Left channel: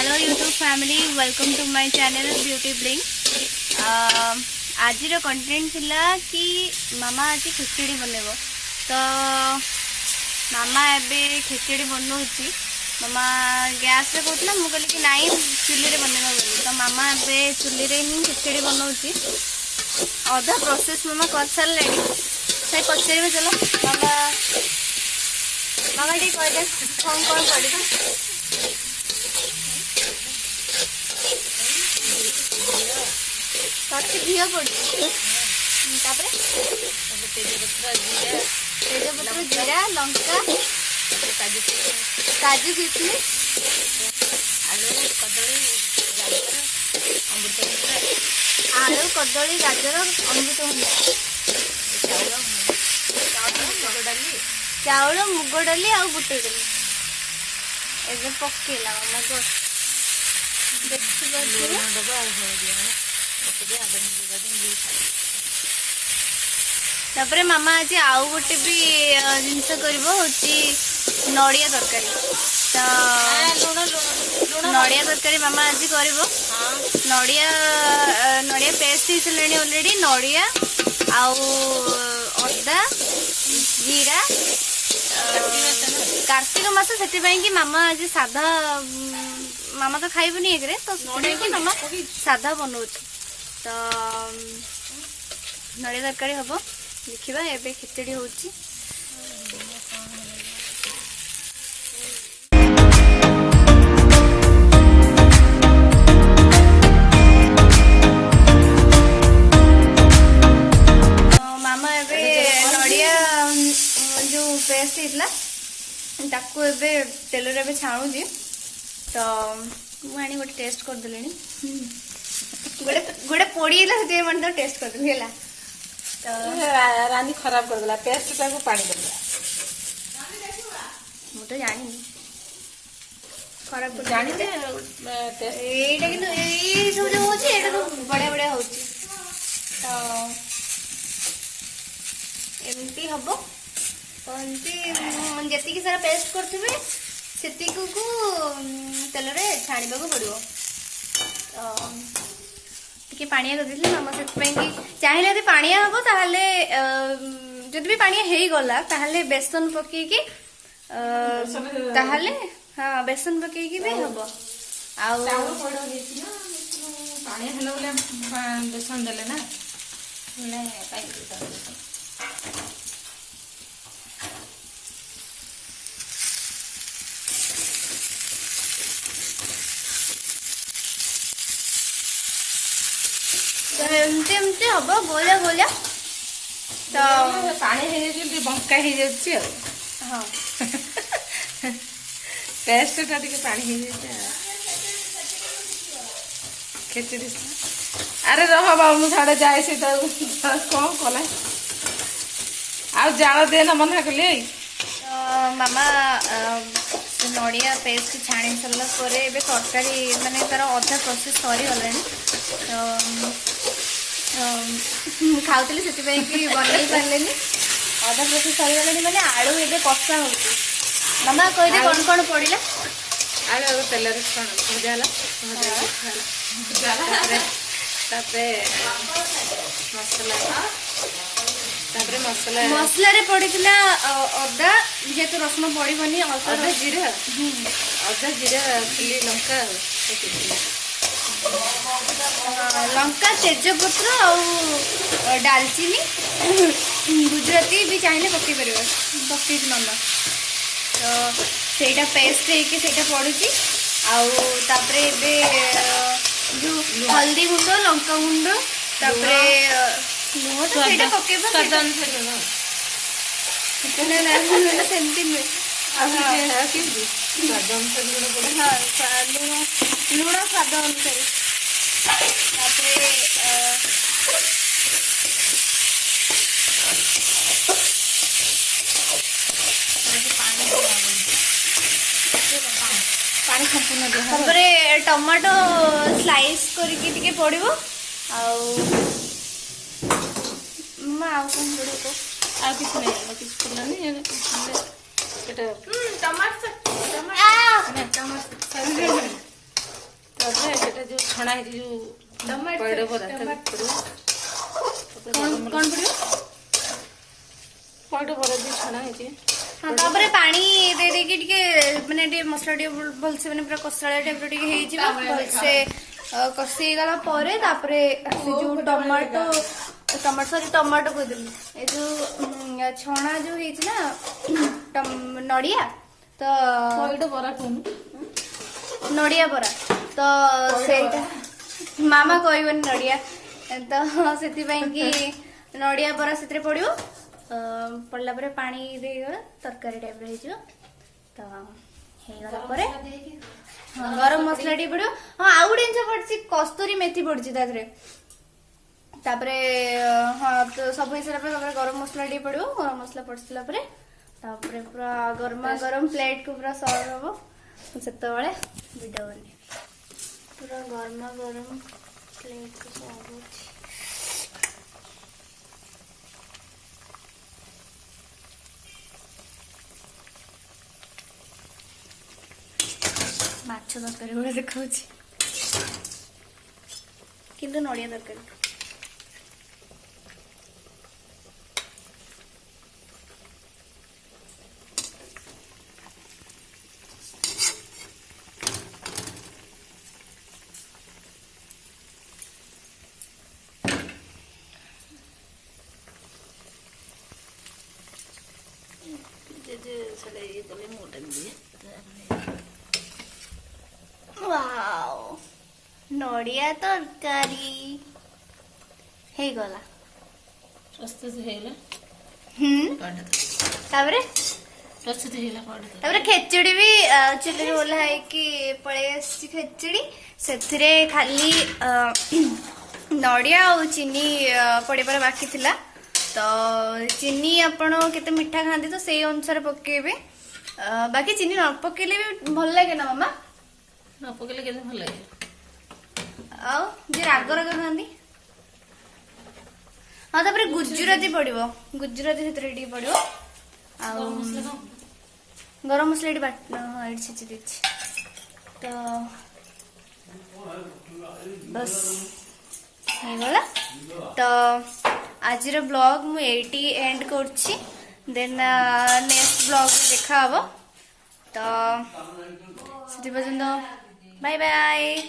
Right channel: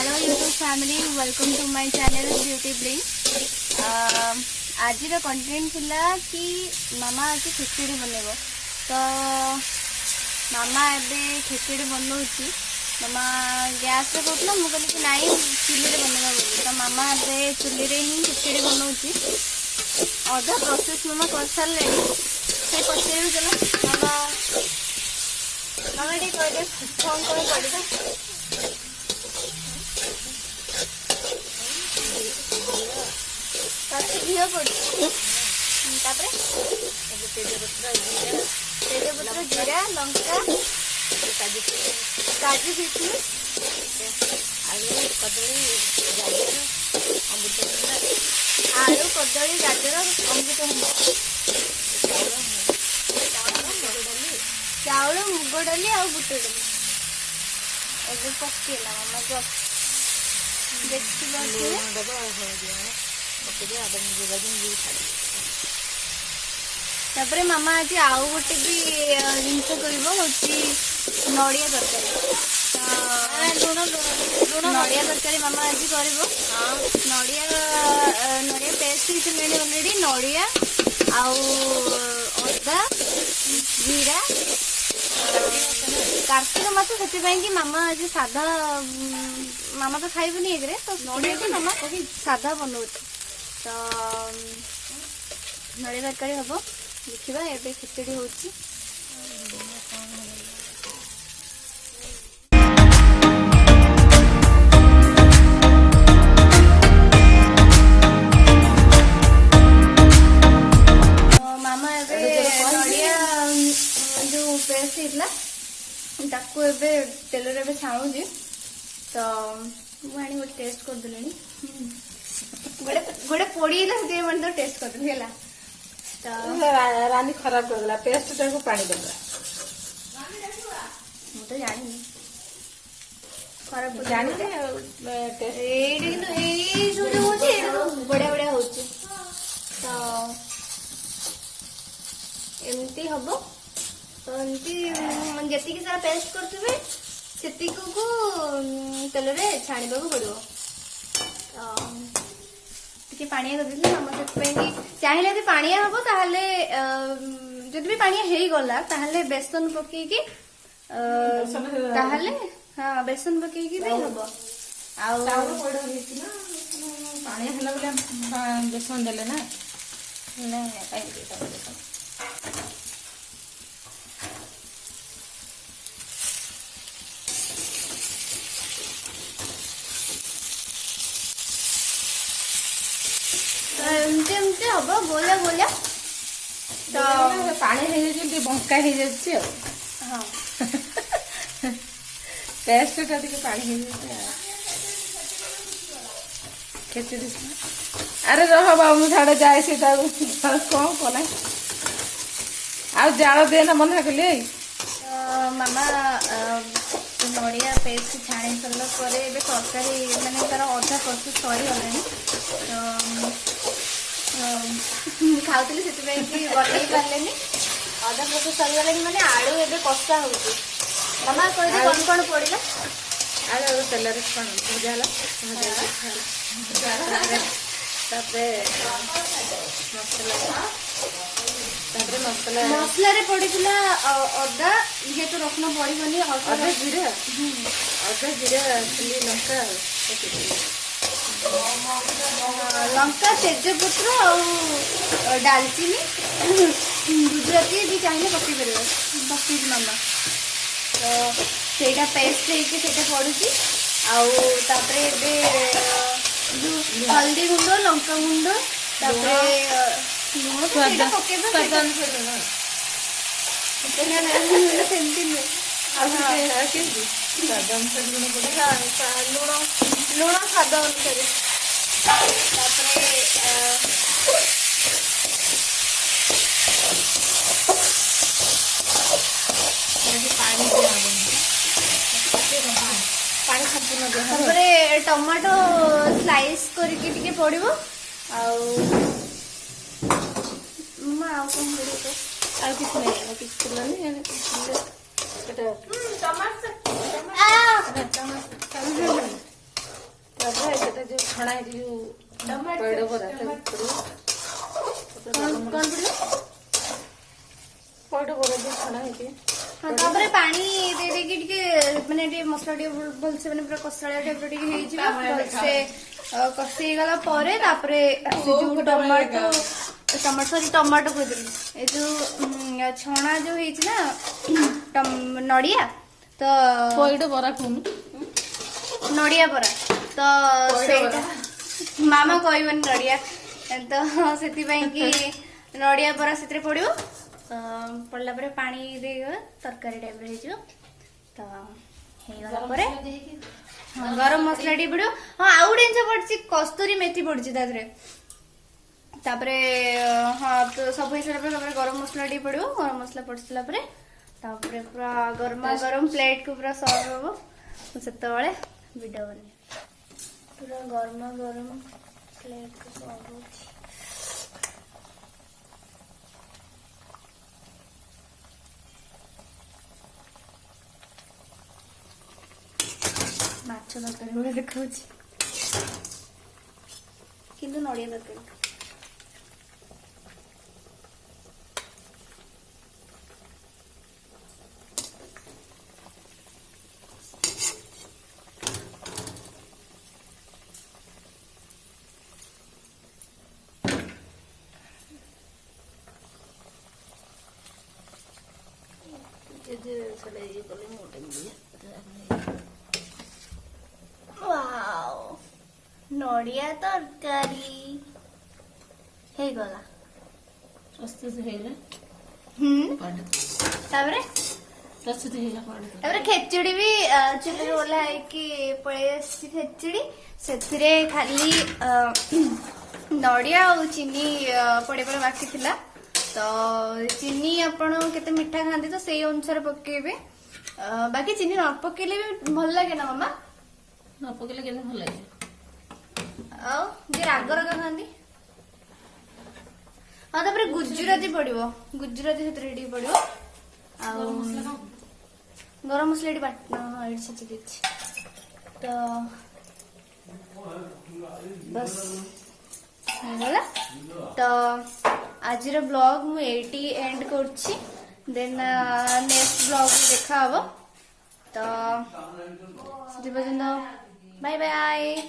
Hello YouTube family welcome to my channel beauty bling. आज content थिला कि मामा आज खिचड़ी बनइबो तो मामा एबे खिचड़ी बनौची। मामा गैस रे कहला मु कहली कि नाई चुली रे बनइबा बोली तो मामा एबे चुली रे ही खिचड़ी बनौची। आधा प्रोसेस मामा कर सारलेनी से पछेबे चलो मामा मामा टी कह दे कौन कौन पड़ेगा। घिया पड़े तेजपत्र जीरा लंका काजू किशमिश आलू कदली गाजर अमृतभंडा आलू कदली गाजर अमृतभंडा चाउल मुग डाली आ बुट डाली ए पकेला मामा तापरे मामा आज आउ गोटे भी जिनस कर नड़िया तरकारी तो नड़िया तरकारी मामा आज कर नड़िया पेस्ट ऑलरेडी नड़िया अदा जीरा कार्तिक मास से मामा आज साधा मामा तो खाइबनी एक तो मामा साधा बनाऊ तो नड़िया तरकारी हम देखा एबे खिचड़ी होची। मामा एबे नड़िया जो पेस्ट इतला ताको एबे तेल रे एबे छाणु जी तो मुझे गोटे टेस्ट कर देलेनी गोटे पोड़ीला से मन तो टेस्ट कर देली हला तो रानी खराब कर देला पेस्ट टाको पानी देला मु तो जानी खराब कर जानी दे टेस्ट एटा कि ए सब जो होची एटा बढ़िया बढ़िया होची तो एमती हबो तो एमती मन जति की सारा पेस्ट करथिबे सेती को तेल रे छाणीबा को पड़िबो टिके पानिया कर देली मामा से चाहिए यदि पानिया हम ताहले जदि भी पानिया हेई गला ताहले बेसन पके की ताहले हां बेसन पके की भी हबो आ पानी हेला बोले बेसन देले ना नहीं पाई एमती एमती हम गोलिया गोलिया तो पानी हे जे बंका हे जे हां पेस्ट टा टिके पानी हे जे खिचड़ी अरे रह बाबू साडे जाए से कौन कला आ जाओ देना मना कले मामा नड़िया पेस्ट छाणी सरला पर एबे तरकारी माने तार अधा प्रोसेस सरी गलानी तो खाऊली से बनई पारे अधा प्रोसेस सरी गलानी माने आलू एबे कषा होची मामा कह दे कौन कौन पड़िला आलू तेल रे भजा मसला मसला रे पड़िला अदा जेहेतु रसुण पड़बनी अदा जीरा चिली लंका लंका तेजपत्र और डालचीनी गुजराती भी चाहिए पकई पार पकई मामा तो सेटा पेस्ट होके पड़ी आउे जो हल्दी गुंड लंका गुंड लुण तो सेमती नुहे लुण स्वाद अनुसार पानी संपूर्ण टमाटो स्लाइस करके पड़ो माँ कौन पड़ो ଆଉ କିଛି ନାହିଁ କିଛି କଲାନି टमाटर जो छणा है जो टमाटर पड़े बरा कौन पड़ियो पड़े बरा जो छणा है हाँ तापर पानी दे देकी टिके माने टिके मसला टिके भलसे माने पूरा कसाळिया टाइप टिके हेइ जिवो भलसे कसी गला परे तापरे से जो टमाटो टमाटो को दिली ए जो छणा जो हेइ छी ना नडिया तो पड़े बरा कोन नडिया बरा तो सेटा मामा कहबन नडिया तो सेति पई कि नडिया बरा सेतरे पड़ियो पड़ला परे पानी देगा तरकारी टाइप रही जो तो हे गला परे हाँ गरम मसला टी पड़ो हाँ आउ गोटे जिन पड़ी कस्तूरी मेथी पड़ी तापरे हाँ तो सब हिसाब से गरम मसला टी पड़ो गरम मसला पड़ सारा परे तापरे पूरा गरमा गरम प्लेट को पूरा सर्व हम से वीडियो बने पूरा गरमा गरम प्लेट को सर्व माछ तरकारी भाई देखा किंतु नड़िया तरकारी ये कले मोटे दिए वाओ नड़िया तरकारी हे गला प्रस्तुत हेला पड़े तापरे प्रस्तुत हेला पड़े तापरे खेचड़ी भी चुली ओला है कि पळे आसी खेचड़ी सेथिरे खाली नड़िया और चीनी पड़े पर बाकी थिला तो चीनी आपण केते मिठा खांदी तो सेई अनुसार पकेबे बाकी चीनी न पकेले भी भल लागे ना मामा न पकेले केते भल लागे आउ जे राग राग खांदी हाँ तापर गुजराती पड़िबो गुजराती सेतरे टी पड़िबो आउ गरम मसला टी बाट एडी छिची देछि तो बस हे गला तो आज ब्लॉग मु एटी एंड करछि देन नेक्स्ट ब्लॉग देखा हबो तो सेति पर्यंत बाय बाय।